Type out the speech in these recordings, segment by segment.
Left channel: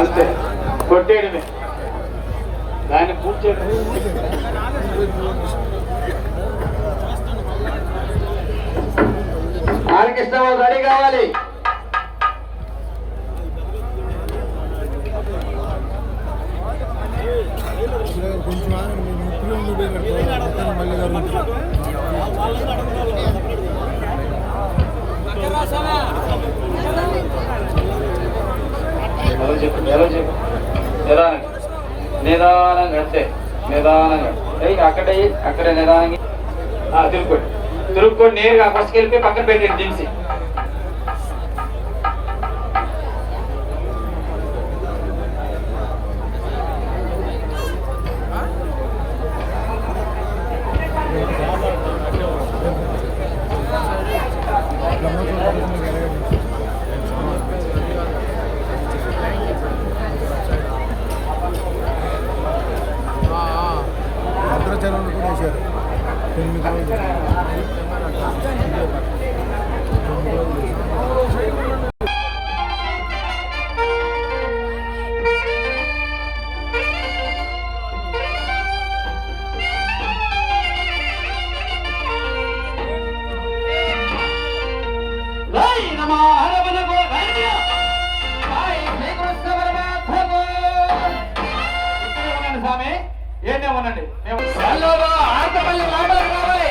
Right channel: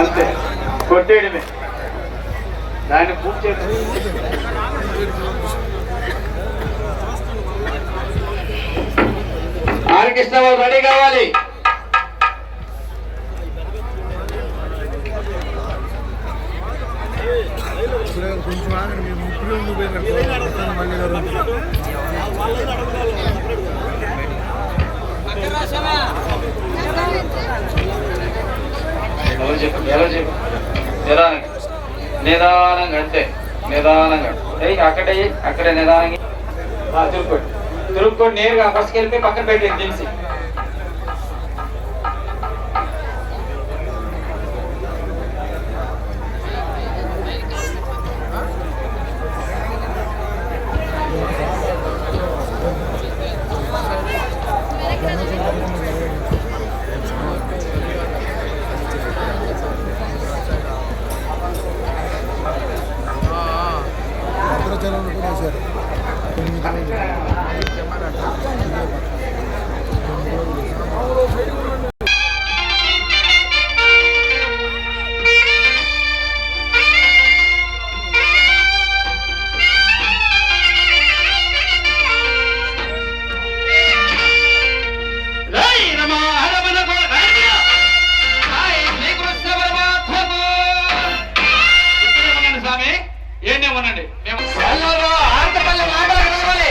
అంతే కొట్టేయడమే దాన్ని పూర్తి ఆర్కెస్ట్రా వాళ్ళు రెడీ కావాలి. కొంచెం ఆగండి, మీరు 30 పోయినట్టు మళ్ళీ గారు నిదానంగా అంటే నిదానంగా అక్కడే నిదానంగా తురుక్కోండి నేరుగా ఫస్ట్కి వెళ్ళిపోయి పక్కన పెట్టండి దించి. భద్రాచలంలో కూడా వేశారు 9 రోజులు. ఏంటేమోనండి మేము రావాలి.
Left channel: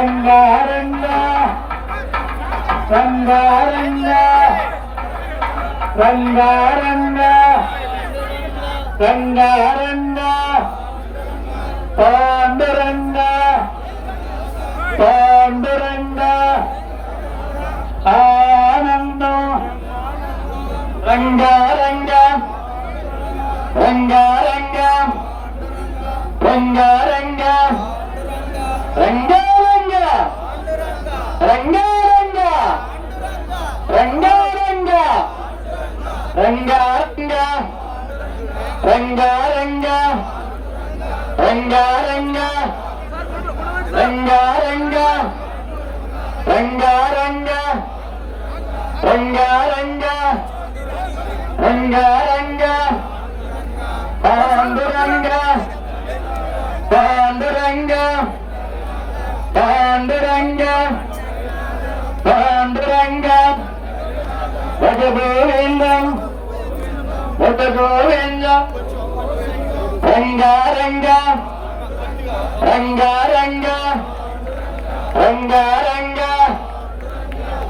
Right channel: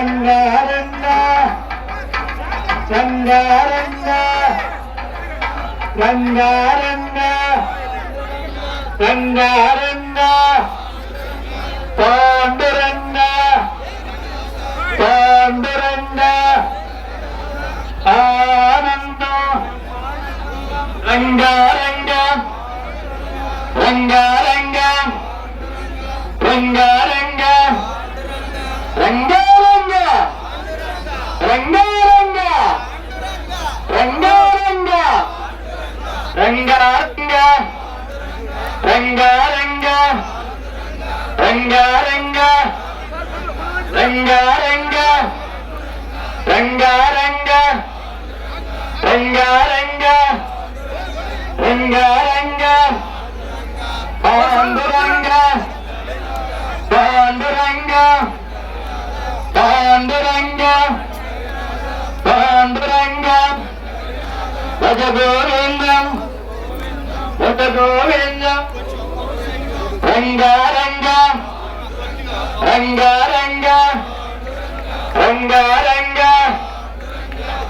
రంగారంగ రంగారంగ రంగారంగ రంగారంగ పాండురంగ పాండురంగ ఆనందం రంగారంగ రంగారంగ రంగారంగ రంగారంగ రంగారంగ రంగారంగ రంగారంగ రంగారంగ రంగారంగ రంగారంగ రంగారంగ రంగారంగ రంగారంగ పాండురంగ పాండురంగ పాండురంగ పాండురంగ భజ గోవిందం భజ గోవిందం రంగారంగ రంగారంగ రంగారంగ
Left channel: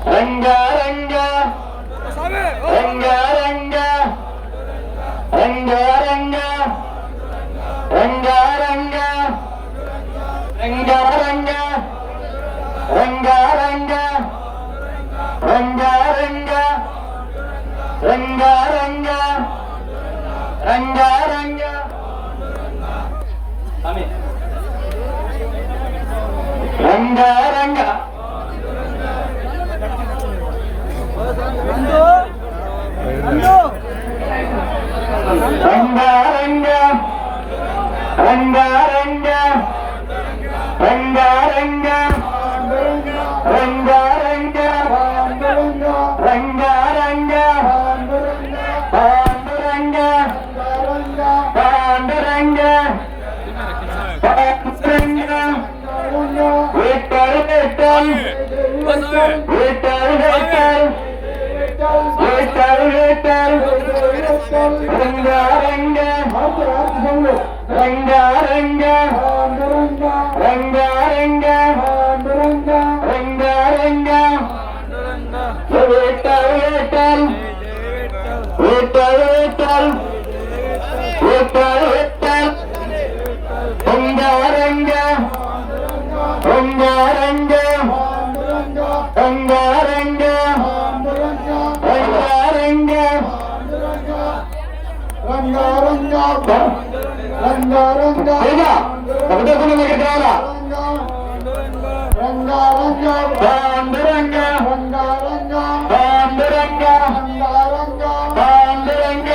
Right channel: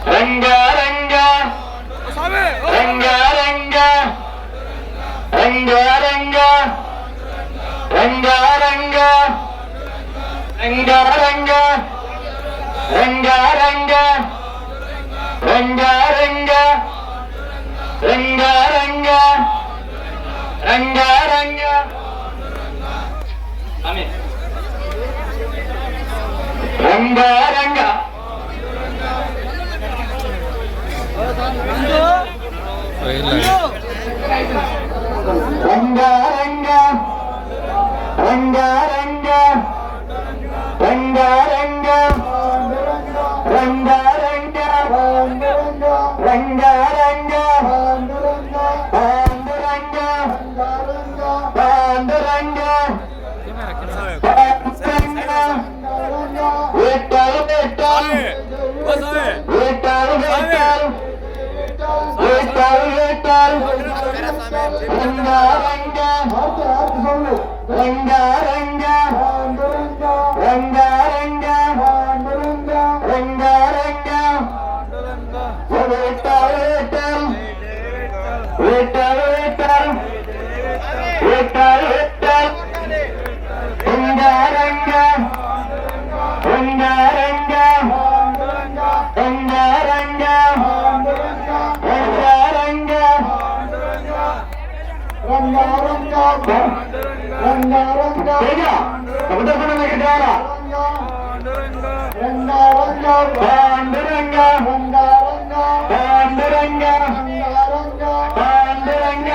రంగారంగ రంగారంగ రంగారంగ రంగారంగ రంగారంగ రంగారంగ రంగారంగ రంగారంగ రంగారంగ రంగారంగ రంగారంగ రంగారంగ రంగారంగ రంగారంగ రంగారంగ పాండురంగ పాండురంగ విఠల్ విఠల్ విఠల్ విఠల్ విఠల్ విఠల్ రంగారంగ రంగారంగ రంగారంగ రంగారంగ విఠల్ విఠల్ విఠల్ విఠల్ విఠల్ విఠల్ రంగారంగ రంగారంగ రంగారంగ రంగారంగ రంగారంగ రంగారంగ కవితకుల దగ్గర రంగారంగ పాండురంగ రంగారంగ పాండురంగ పాండురంగ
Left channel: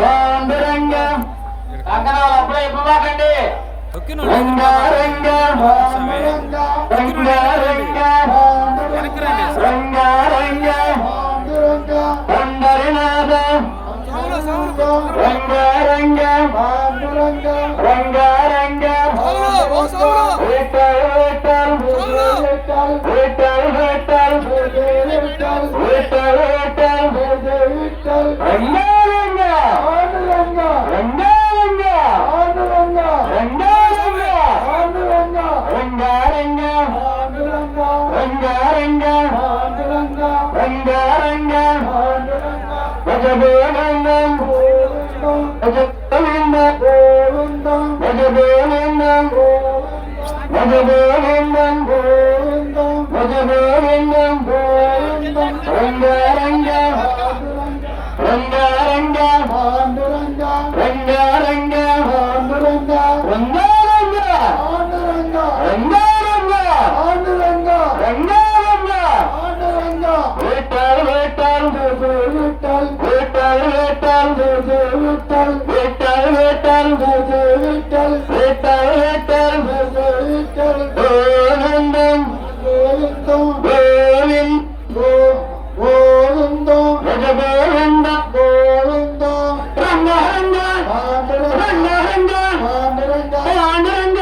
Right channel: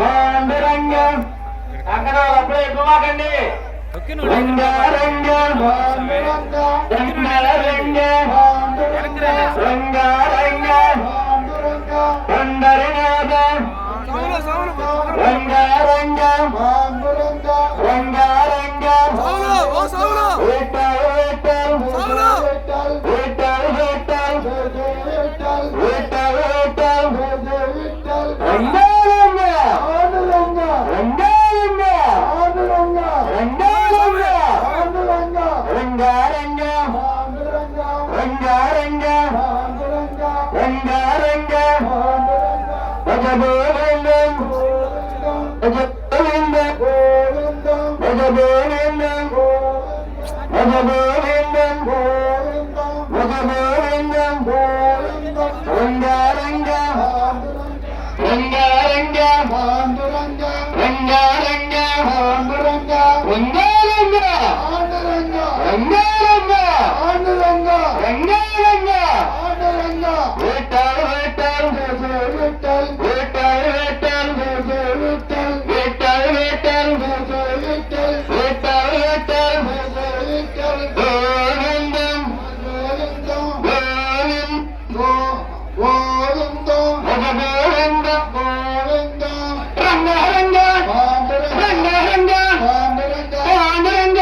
పాండురంగ అక్కడ అప్పుడే ఎక్కువకండి రంగారంగ రంగారంగ రంగారంగ పండరినాథ రంగారంగ రంగారంగ విఠల్ విఠల్ విఠల్ విఠల్ విఠల్ విఠల్ రంగారంగ రంగారంగ రంగారంగ రంగారంగ రంగారంగ రంగారంగ భజ గోవిందం భజ గోవిందం భజ గోవిందం భజ గోవిందం భజ గోవిందం రంగారంగ రంగారంగ రంగారంగ రంగారంగ రంగారంగ రంగారంగ విఠల్ విఠల్ విఠల్ విఠల్ విఠల్ విఠల్ విఠల్ విఠల్ విఠల్ గోవిందం గోవిందం గోవిందం భజ గోవిందం గోవిందం రంగారంగ రంగారంగ పాండురంగ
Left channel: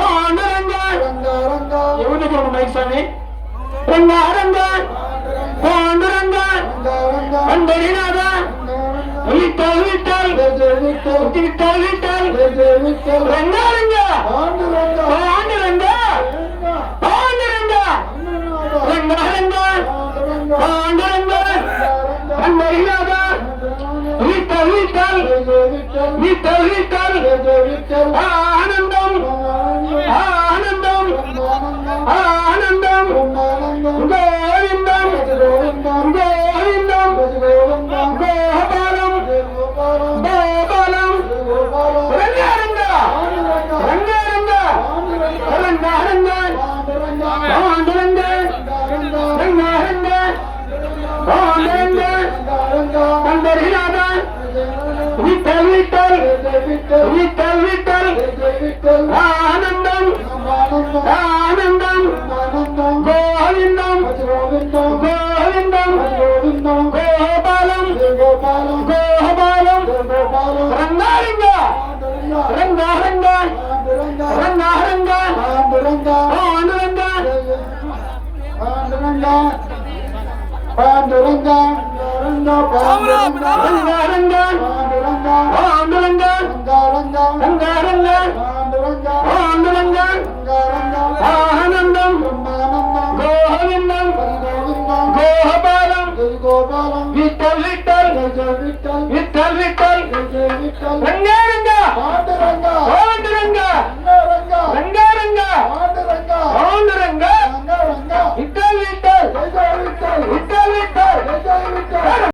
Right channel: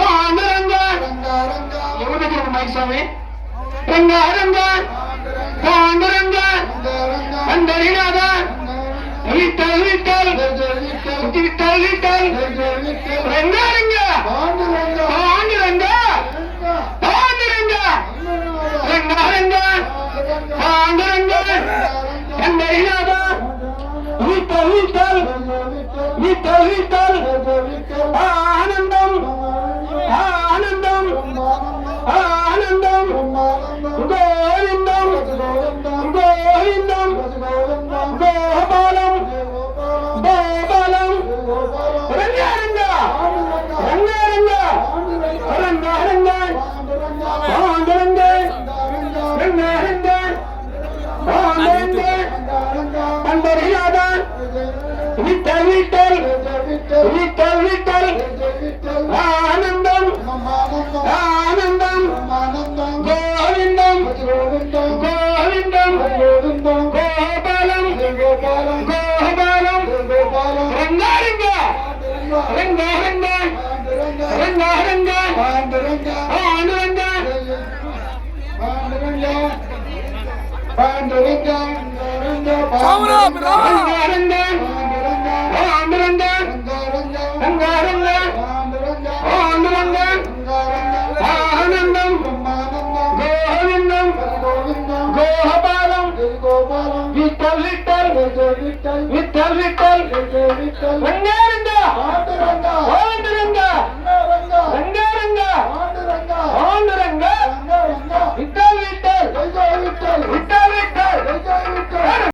పాండురంగ ఎవరి దగ్గర ఉన్నాయి స్వామి రంగారంగ పాండురంగ పండరినాథ విఠల్ విఠల్ విఠల్ విఠల్ రంగారంగ పాండురంగ విఠల్ విఠల్ విఠల్ ఆనందం ఆనందం ఆనందం గోవిందం గోవిందం గోపాలం గోపాలం రంగారంగ రంగారంగ రంగారంగ పాండురంగ రంగారంగ పాండురంగ పండరినాథ విఠల్ విఠల్ విఠల్ విఠల్ ఆనందం ఆనందం గోవిందం గోవిందం గోపాలం గోపాలం రంగారంగ రంగారంగ రంగారంగ పాండురంగ పాండురంగ రంగారంగ పాండురంగ రంగారంగ పాండురంగ ఆనందం గోవిందం గోపాలం విఠల్ విఠల్ విఠల్ విఠల్ రంగారంగ